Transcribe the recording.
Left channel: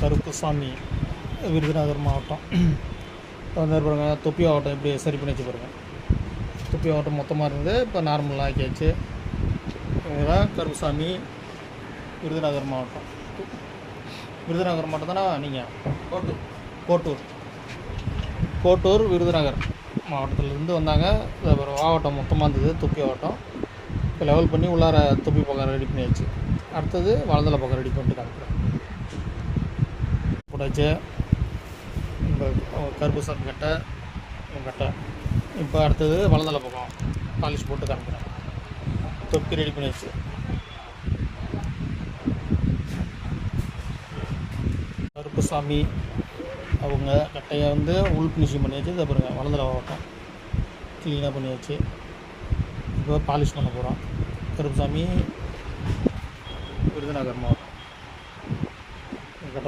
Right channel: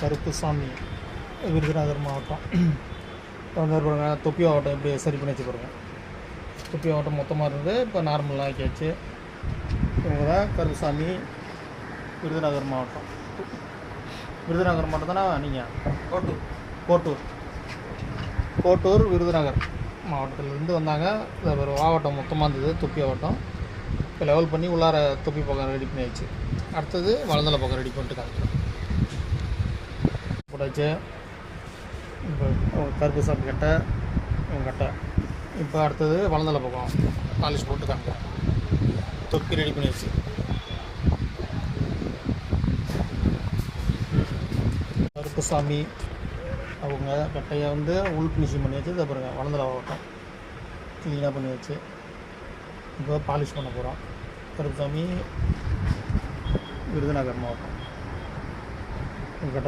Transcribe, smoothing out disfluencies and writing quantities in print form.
கருப்புசாமி, விருதுநகர் மாவட்டம். இப்போ வந்து பாருங்க, தொப்பி மாவட்டம் எப்படி சரி பண்ணி வச்சு பாருங்கள். தொப்பி மாவட்டம் மொத்தமாக இருந்து இப்போ நார்மலாக ஆக்கியாச்சு. இவங்க தான் கருப்புசாமி, விருதுநகர் மாவட்டம். விருதுநகர் மாவட்டம் தானே நீங்கள்? கோட்டூர் விருதுநகர் மாவட்டத்திலேருந்து வந்தாங்க. ஒரு மாவட்டம் மொத்தமாக இருந்தது, தொப்பி மாவட்டம். இப்போ லெவல் பண்ணி உள்ளார தொப்பி பக்கம் ரெடி பண்ணியாச்சு. அடுத்தது வலந்தலை பக்கம் ரெடி பண்ணிட்டு காமிக்கிறேன். போட்டாச்சு. இப்போ கருப்புசாமி கட்டை. இப்போ அடுத்தது வலந்தலை பக்கம் பாலிஷ் போட்டு காமிக்கிறேன். தொப்பி ரெடி பண்ணியாச்சு. கருப்புசாமி அவங்க கட்டையை வந்து உள் ஃபினிஷிங் பண்ணியாச்சு. இதை பாருங்கள், வலந்தலை மாவட்டம் க்ளீனாக பண்ணியாச்சு. இப்போ பாலிஷ் பண்ண போகிறோம். கருப்புசாமி, விருதுநகர் மாவட்டம் கட்டை